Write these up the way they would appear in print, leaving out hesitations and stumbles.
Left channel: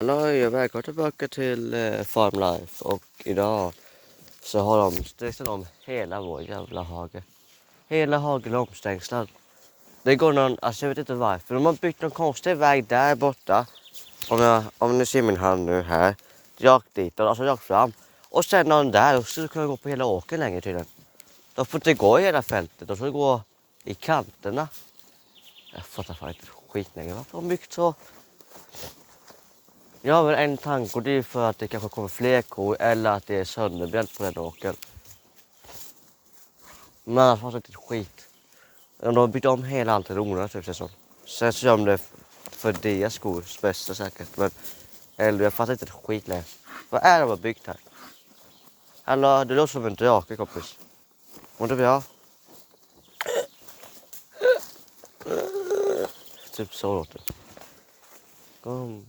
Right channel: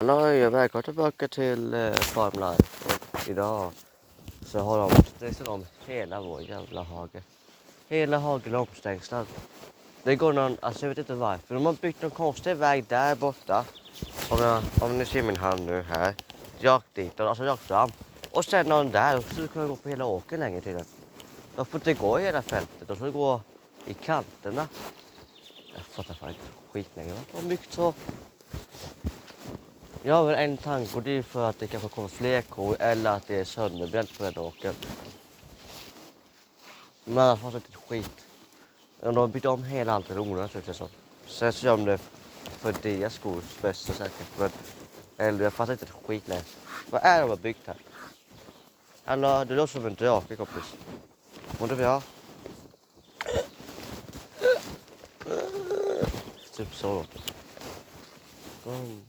Hallå, välkommen tillbaka till Farm Life och idag så har de stängslat om hela vår jävla hage. Hela hagen är omstängslad. Det går någon, alltså jag vet inte varför, de har byggt någon konstig väg där borta. Om ni ser min hand nu här, rakt dit, alltså rakt fram. Och sen någon där och så kan vi gå på hela åkern längre tydligen. De får inte gå i hela fältet, de får gå i kanterna. Jag fattar fan inte skit längre, varför har de byggt så? Jag har väl en tanke och det är för att det kanske kommer fler kor eller att det är sönderbränt på den åkern. Men annars var det inte skit. De har byggt om hela allt i onödigt tycker jag så. Sen så gör de det för deras skors bästa säkert. Men eller jag fattar inte ett skit längre. Vad är det de har byggt här? Eller det låter som en drake kompis. Mår du bra? Typ så låter det. Kom.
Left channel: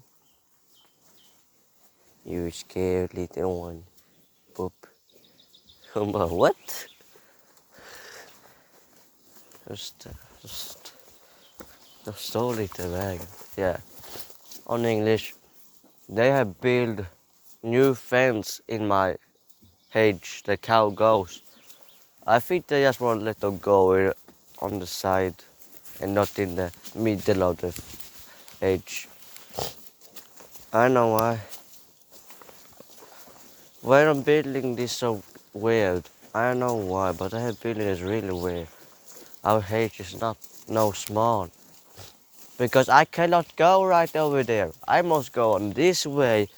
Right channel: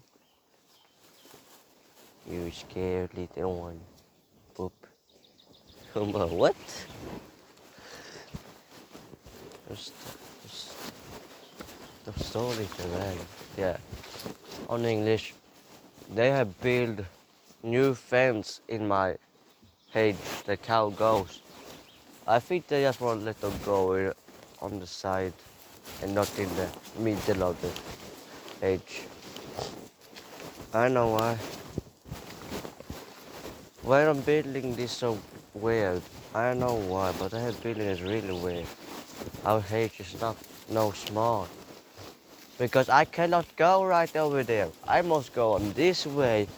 You scared little one. Boop. Hon bara what? Just det. De står lite i vägen. Yeah. On English. They have built new fence in my hedge the cow goes. I think they just want to let them go on the side and not in the middle of the hedge. I know why. Why I'm building this so weird? I don't know why, but the building is really weird. Our hedge is not no small. Because I cannot go right over there. I must go on this way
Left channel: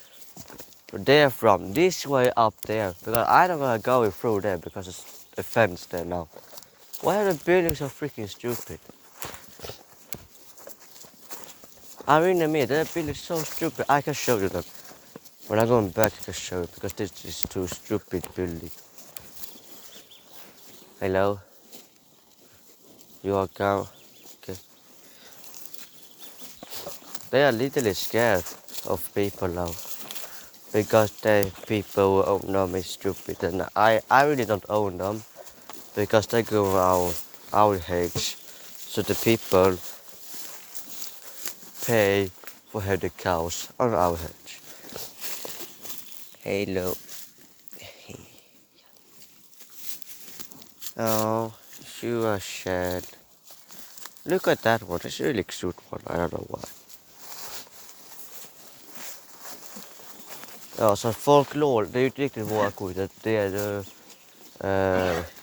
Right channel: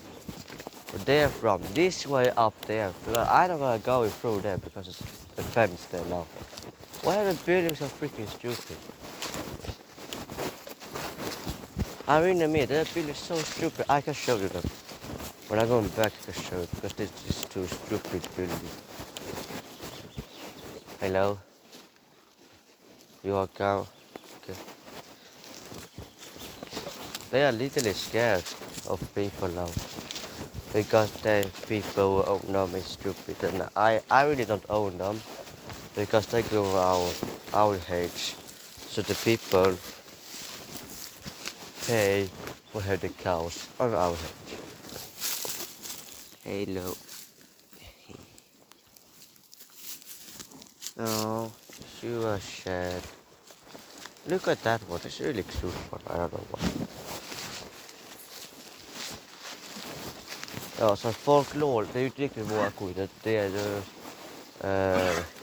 there from this way up there. Because I don't wanna go through there because it's the fence there now. Why are the buildings so freaking stupid? I really mean the building is so stupid. I can show you them. When I'm going back I can show it because this is too stupid building. Hello? You are cow? Okay. They are literally scared of people now. Because the people who own them is stupid and I really don't own them. Because they go around our hedge. So the people pay for have the cows on our hedge. Hello. Oh, you are sad. Look at that one, it's really cute one, I don't know why. Ja, så folk lån, det är ju inte riktigt våra kor, det är ju,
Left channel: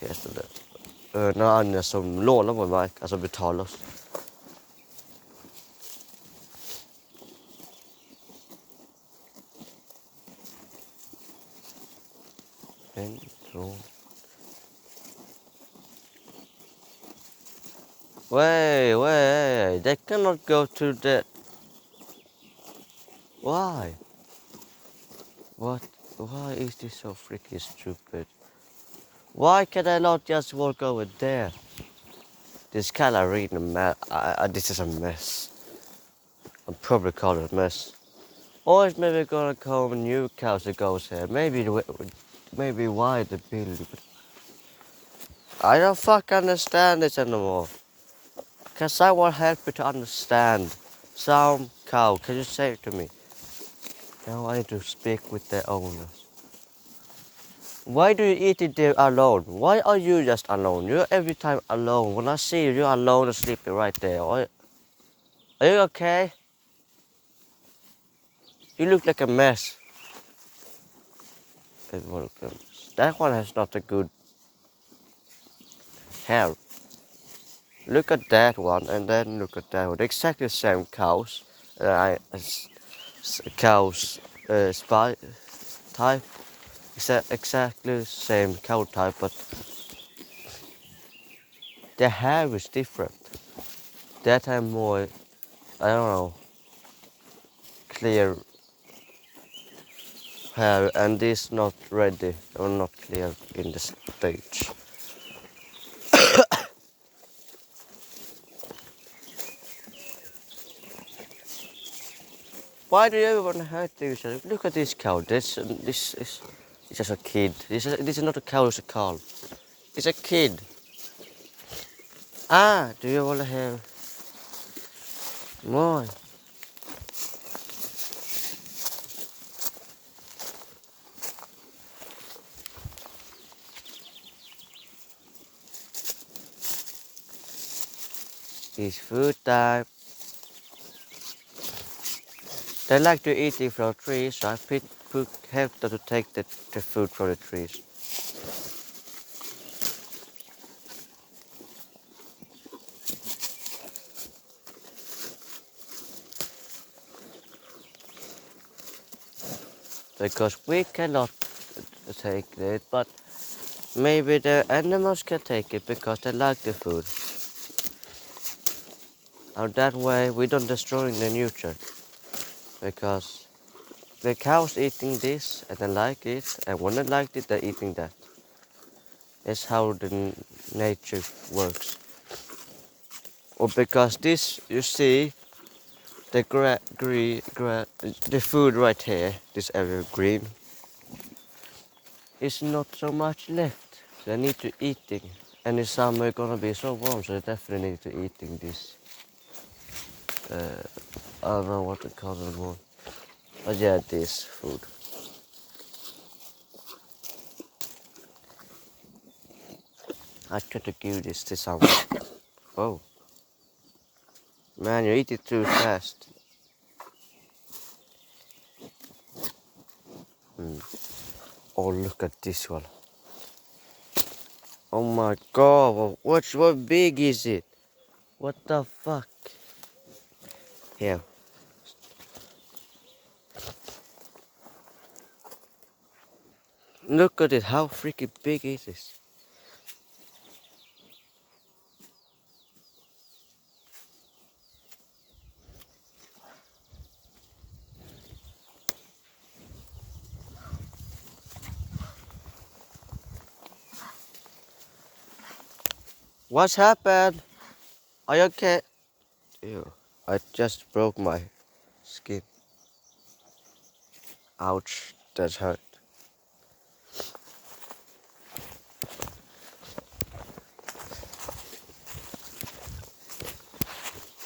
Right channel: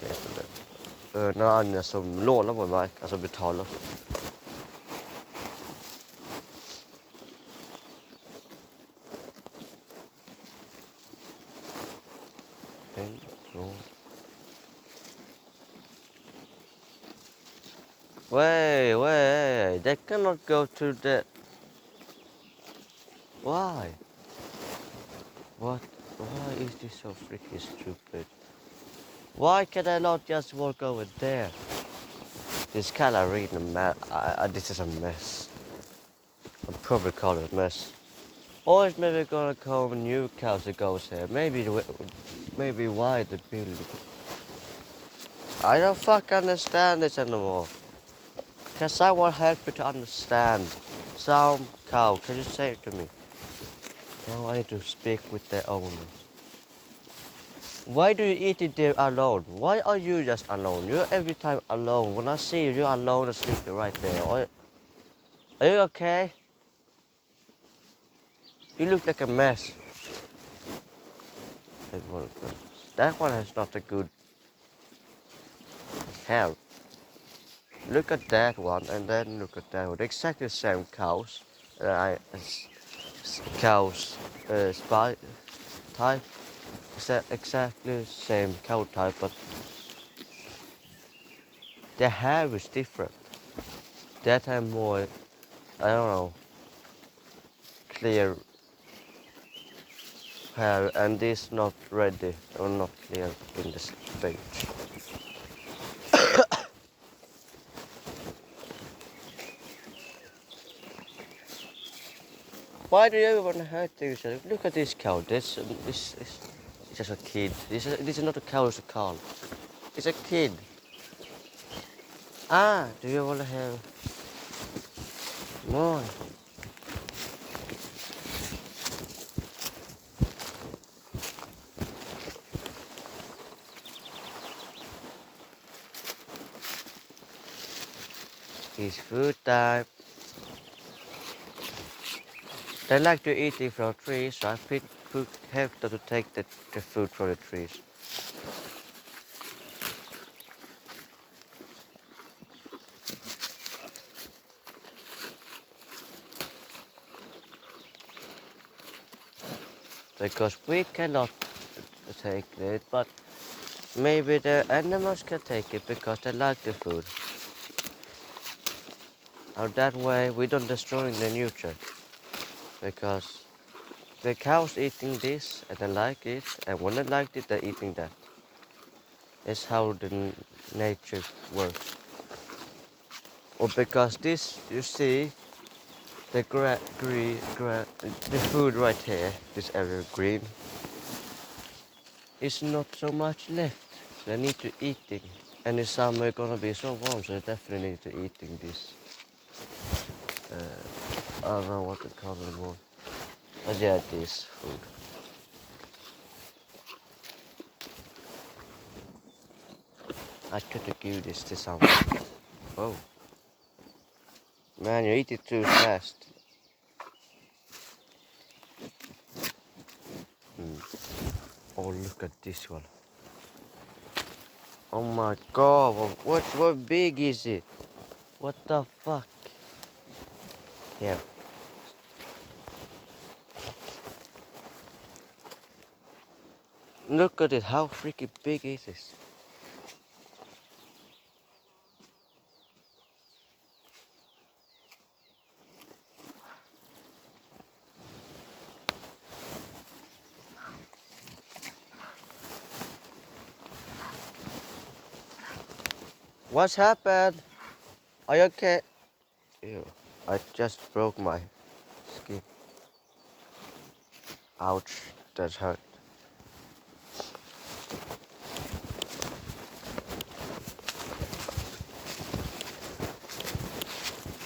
heter det, några andra som lånar vår mark, alltså betalar oss. Wait, they cannot go to the... Why? What? Why is this so freaking stupid? Why can I not just walk over there? This kind of really this is a mess. I'll probably call it a mess. Or it's maybe gonna come new cows that goes here. Maybe why the building. I don't fucking understand this anymore. Can someone help me to understand? Some cow, can you say it to me? Now I need to speak with the owners. Why do you eat it there alone? Why are you just alone? You're every time alone. When I see you, you're alone and sleeping right there. Are you okay? You look like a mess. That one has not a good hair. Look at that one and then look at that one. Exactly the same cows. Cows spy type. Exactly the same cow type, but the hair is different. That have more, I don't know, clear hair, and this not ready or not clear in the stage. Why do you want to hurt things? Look at this cow. This is just a kid. This is not a cow. It's a calf. It's a kid. Ah, do you want to have more? It's food time. They like to eat it from trees, so I help them to take the food from the trees. Because we cannot take it, but maybe the animals can take it because they like the food. And that way we don't destroy the nature. Because the cows eating this and they like it, and when they like it, they're eating that. That's how the nature works. Or because this, you see, the the food right here, this area green, is not so much left. They need to eating. And in summer gonna be so warm, so they definitely need to eating this. I don't know what to call it anymore. But yeah, this food. I try to give this to someone. Oh, man, you eat it too fast. Oh, look at this one. Oh my god, what big is it? What the fuck? Here. Look at it, how freaking big is this? What's happened? Are you okay? Ew, I just broke my skin. Ouch, that hurt.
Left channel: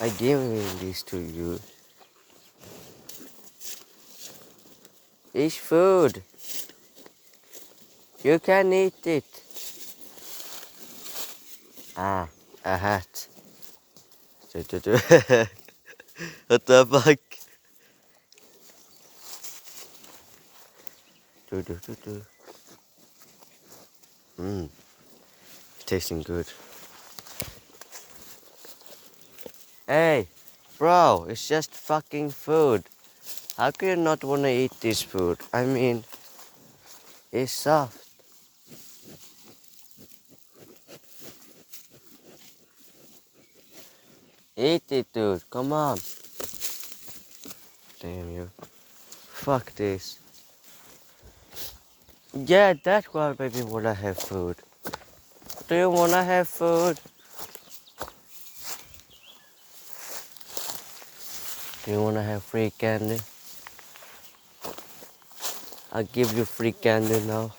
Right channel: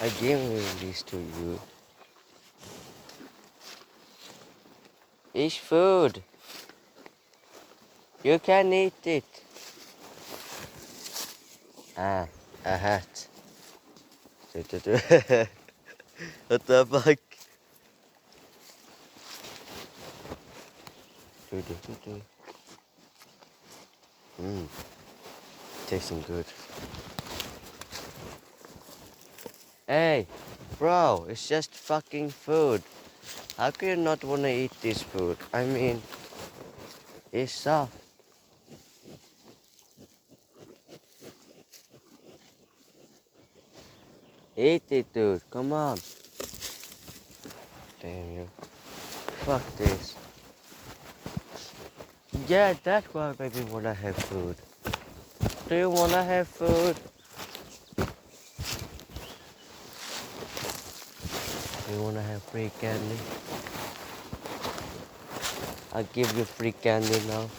I gave this to you. It's food. You can eat it. Ah, a hat. What the fuck? Mmm, tasting good. Hey, bro, it's just fucking food. How can you not wanna eat this food? I mean, it's soft. Eat it, dude. Come on. Damn you. Fuck this. Yeah, that's why baby wanna have food. Do you wanna have food? Do you wanna have free candy? I'll give you free candy now.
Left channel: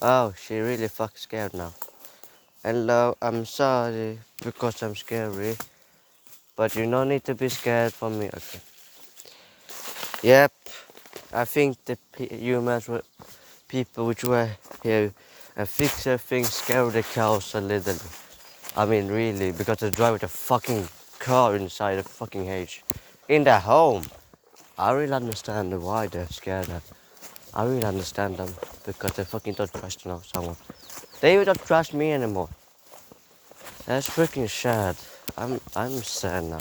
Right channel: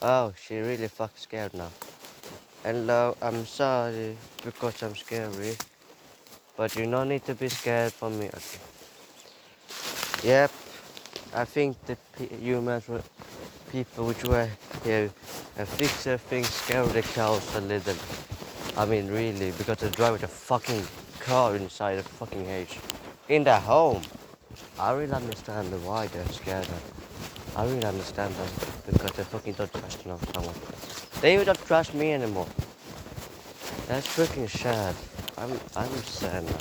Oh, she really fuck scared now. Hello, I'm sorry because I'm scary. But you don't need to be scared for me. Okay. Yep, I think the humans were people which were here and fix their things, scare the cows a little. I mean, really, because they drive a fucking car inside a fucking cage in their home. I really understand why they're scared. I really understand them because they fucking don't trust someone. They even don't trust me anymore. That's freaking sad. I'm sad now.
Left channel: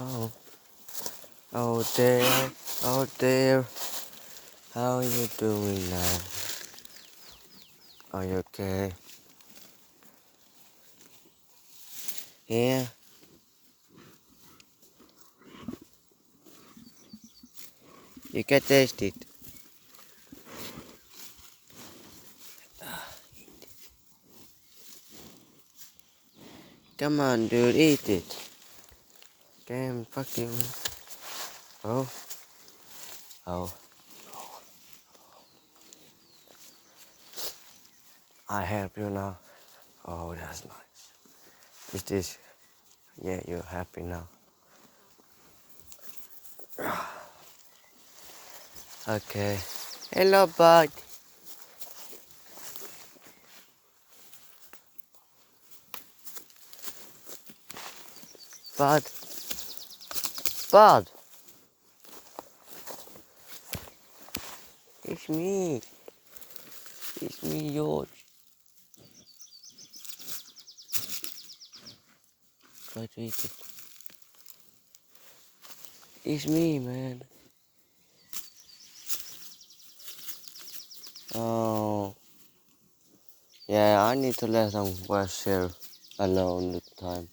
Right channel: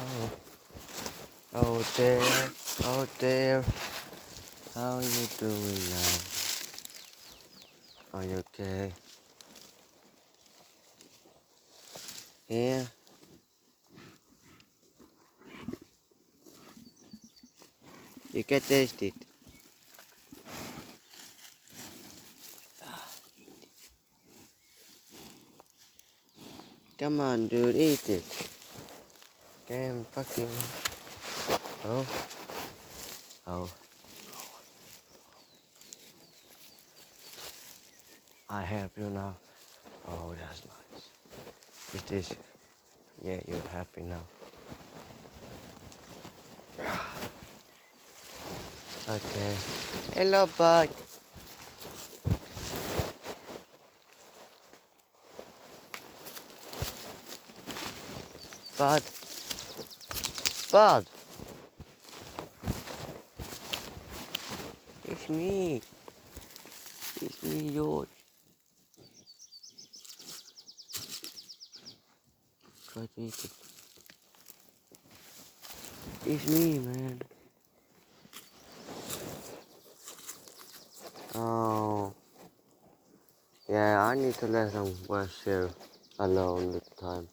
Oh, oh dear, oh dear. How are you doing now? Are you okay? Yeah. You can taste it. Come on, dude, eat it. Damn fucking. Oh, oh. I help you now. Oh, that's nice. Is this? Yeah, you're happy now. Okay. Hello, bud. Bud. Bud. It's me. It's me, George. Try to eat it. It's me, man. Oh. Yeah, I need to let them wash here alone this time.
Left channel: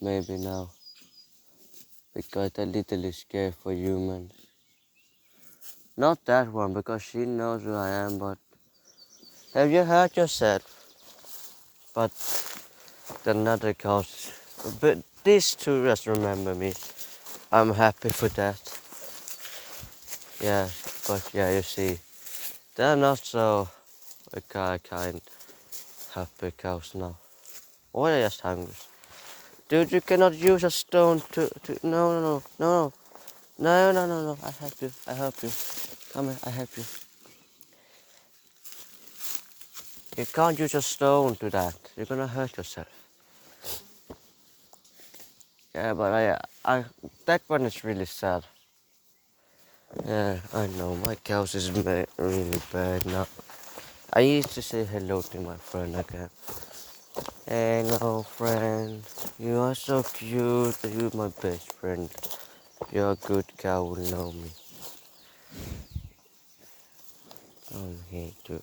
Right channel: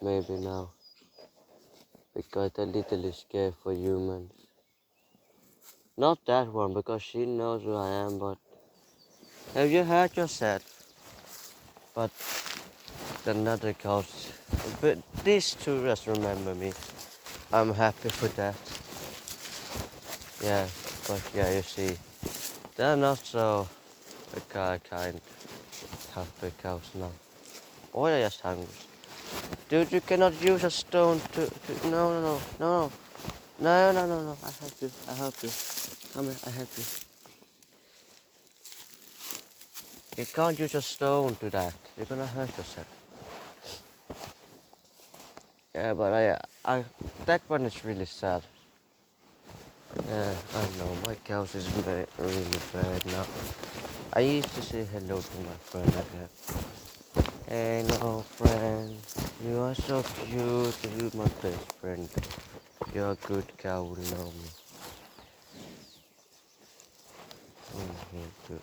Maybe now. Because they're little scared for humans. Not that one, because she knows who I am, but... Have you heard yourself? But another cows. But these two just remember me. I'm happy for that. Yeah, but yeah, you see. They're not so kind happy cows now. Or they're just hungry. Dude, you cannot use a stone to no. No, I help you. Come here, I help you. You can't use a stone to that. You're gonna hurt yourself. Yeah, but that one is really sad. Yeah, I know, my cows is really bad now. I used to say hello to my friend again. Hello, friend. You are so cute. You're my best friend. You're a good cow, will know me. Here, dude.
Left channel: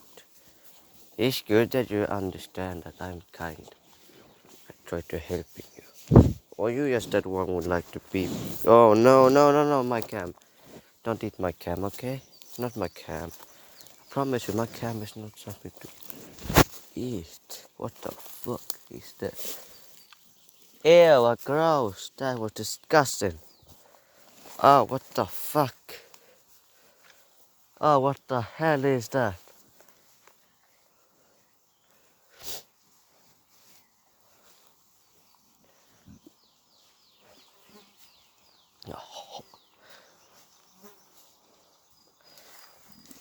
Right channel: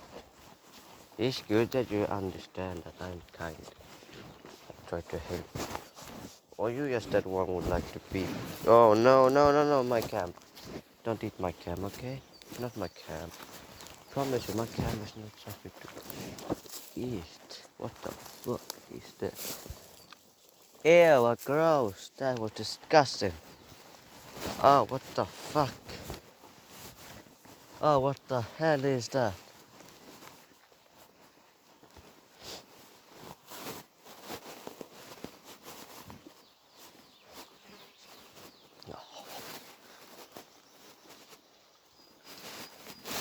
It's good that you understand that I'm kind. I try to help you. Or you just that one would like to be. Oh, no, my cam. Don't eat my cam, okay? Not my cam. Promise you, my cam is not something to eat. What the fuck is that? Ew, what gross. That was disgusting. Oh, what the fuck? Oh, what the hell is that?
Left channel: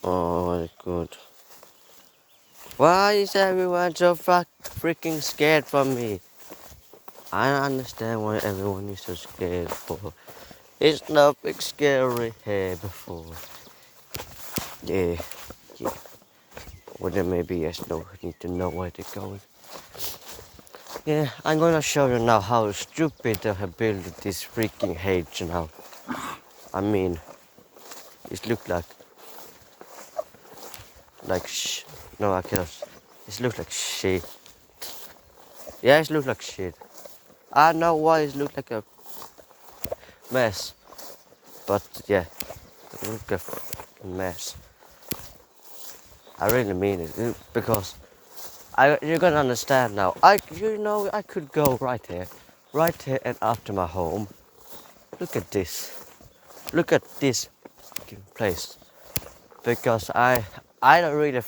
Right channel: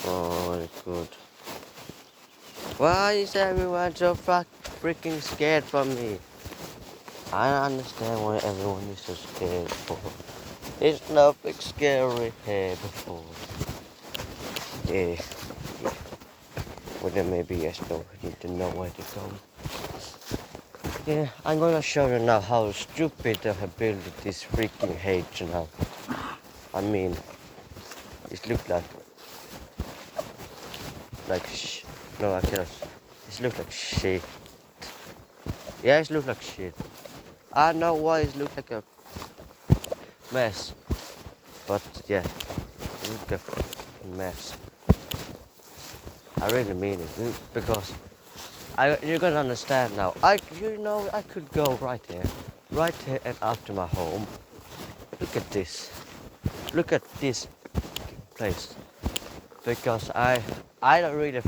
Oh, good. Why is everyone so freaking scared from me? I don't understand why everyone is so scared for. It's nothing scary here before. Yeah. Well, then maybe yes, no, I need to know where to go. Yeah, I'm gonna show you now how stupid they have built this freaking hedge now. I mean, it looks like no, I cannot. It looks like shit. Yeah, it looks like shit. I know why it looks like a mess, but yeah, it looks like a mess. I really mean it because you're gonna understand now. I could go right here and after my home. Look at this. Look at this place. Because I don't really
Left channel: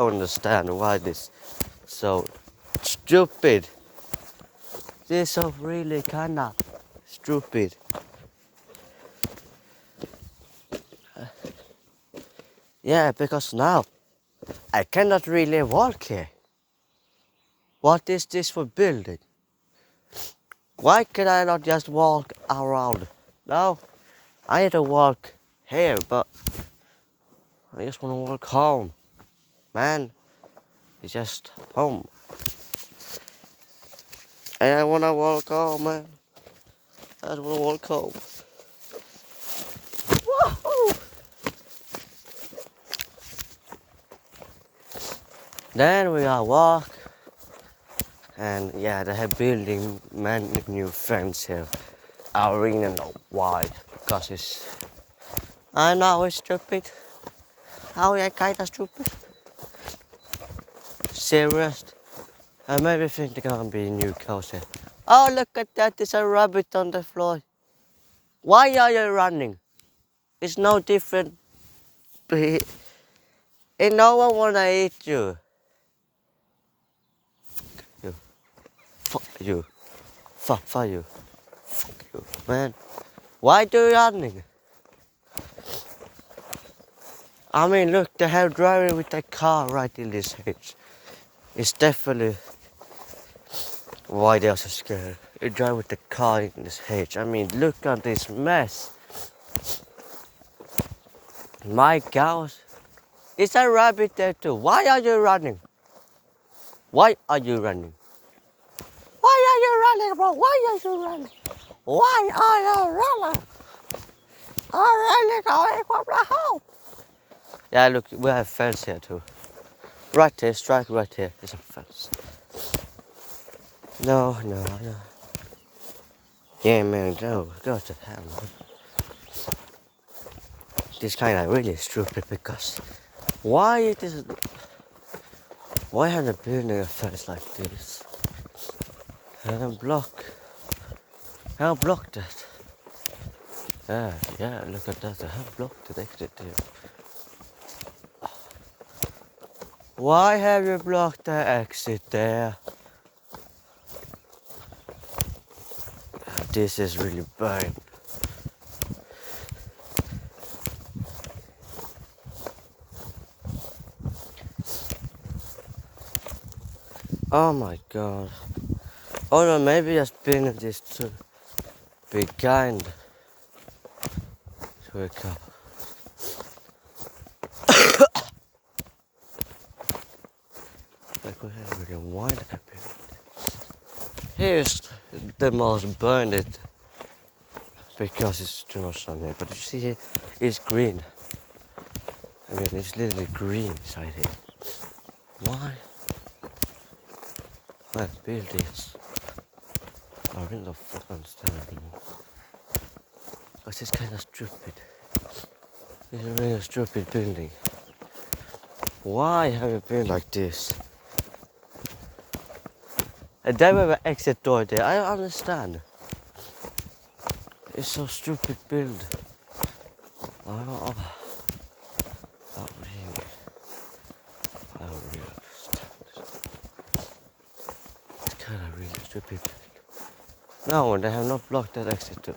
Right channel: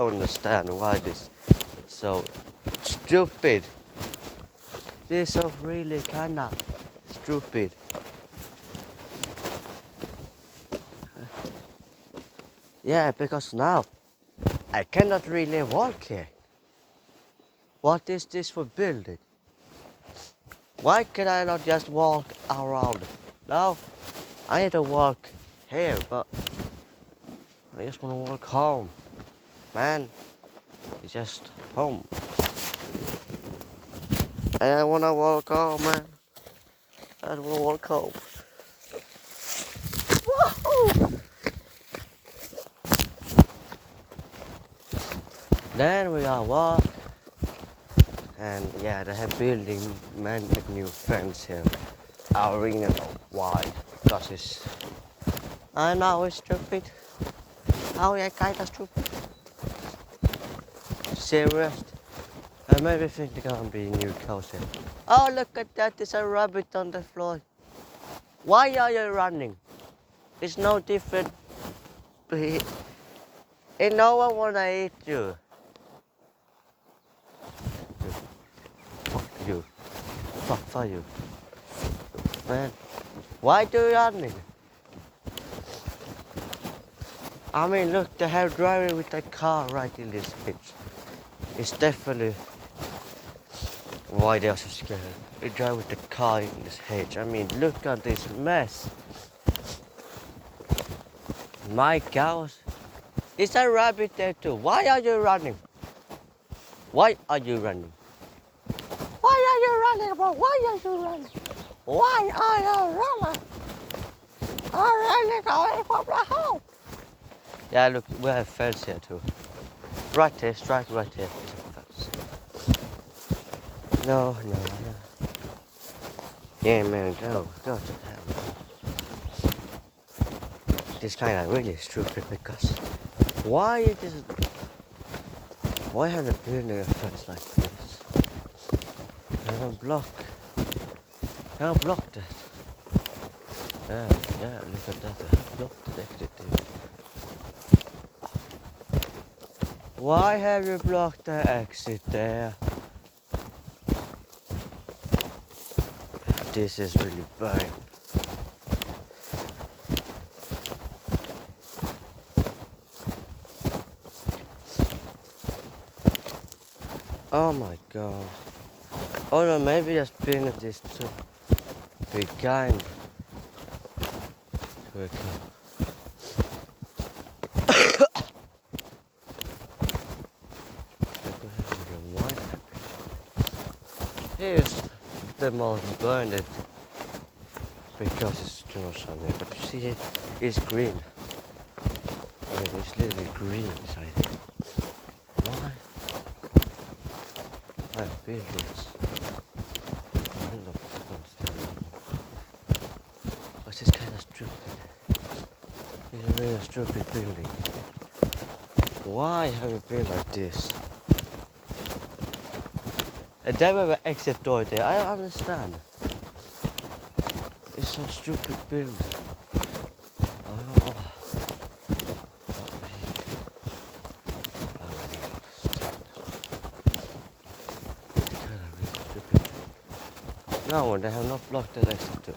understand why this so stupid. This is so really kinda stupid. Yeah, because now I cannot really walk here. What is this for building? Why can I not just walk around? No, I need to walk here, but I just want to walk home. Man, it's just home. And I want to walk home, man. I just want to walk home. Whoa! Then we are walk. And yeah, they have building many new friends here. I really don't know why. Because it's... I know it's stupid. Oh yeah, kinda stupid. Serious. I maybe think they're gonna be new cows here. Oh look at that, there's a rabbit on the floor. Why are you running? It's no different. And no one wanna eat you. Fuck you. Fuck you. Fuck you. Man. Why do you running? I mean look, they have driving with a car right in this pitch. It's definitely why they are so scared. You drive with the car in this hedge. I mean, look at this mess. My cows. Is a rabbit there too? Why are you running? Why are you running? Why are you running, bro? Why are you running? Why are you running? I'm running away from the home. Yeah, look, we have fence here too. Right here, straight right here is a fence. No. Yeah, man, no, go to hell, no. This kind of really stupid because why it is? Why have they built a fence like this? And block. How block that? Yeah, look at that. How blocked the exit here? Why have you blocked the exit there? This is really bad. Oh my god. Oh no, maybe just been this to be kind to a cow. Here's the most burned it because it's too much on there, but you see it's green. I mean, it's literally green inside here. Why? Well, build this. I really don't fucking understand anymore. Because it's kind of stupid. It's a really stupid building. Why have you built like this? And then we have an exit door there. I don't understand. It's so stupid building. Oh. It's kind of really stupid. No, they have not blocked that exit.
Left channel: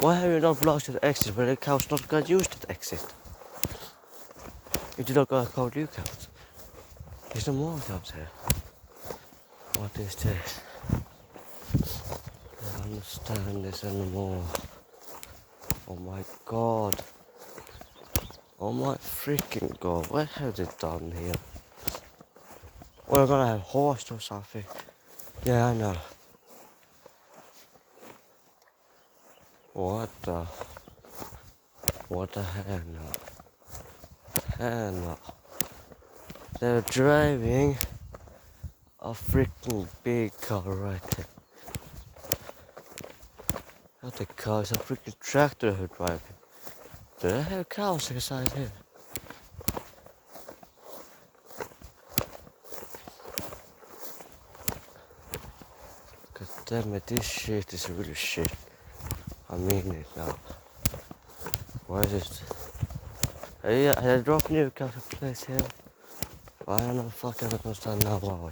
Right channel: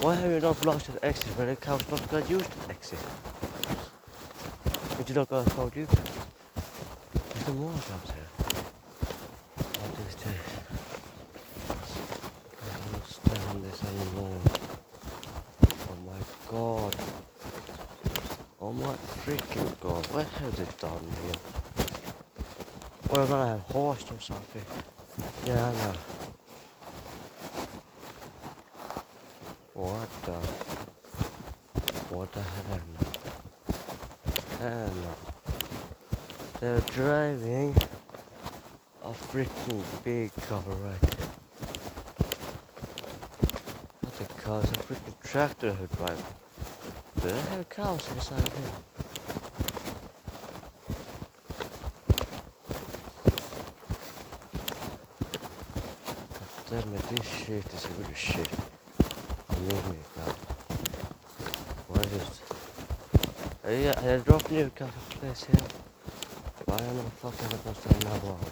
Why have you not blocked the exit when the cows not gonna use that exit? If you not gonna call you cows. There's no more cows here. What is this? I don't understand this anymore. Oh my god. Oh my freaking god. What have they done here? We're gonna have horse or something. Yeah, I know. What the hell no? Hell no. They're driving a freaking big car right here. Not a car, it's a freaking tractor who drive. Do they have cows inside here? God damn it, this shit is really shit. I mean it now. Why is it? Yeah, I dropped new coffee place here. Why am I fucking supposed to know why?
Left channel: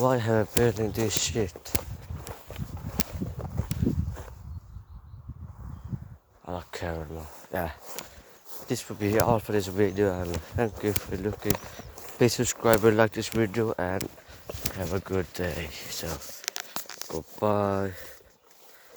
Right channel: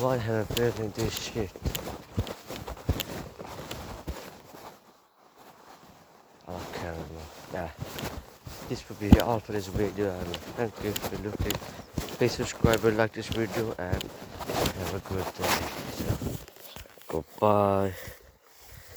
Why have I building this shit? I don't care anymore. Yeah. This will be all for this video and thank you for looking. Please subscribe and like this video and have a good day. So goodbye.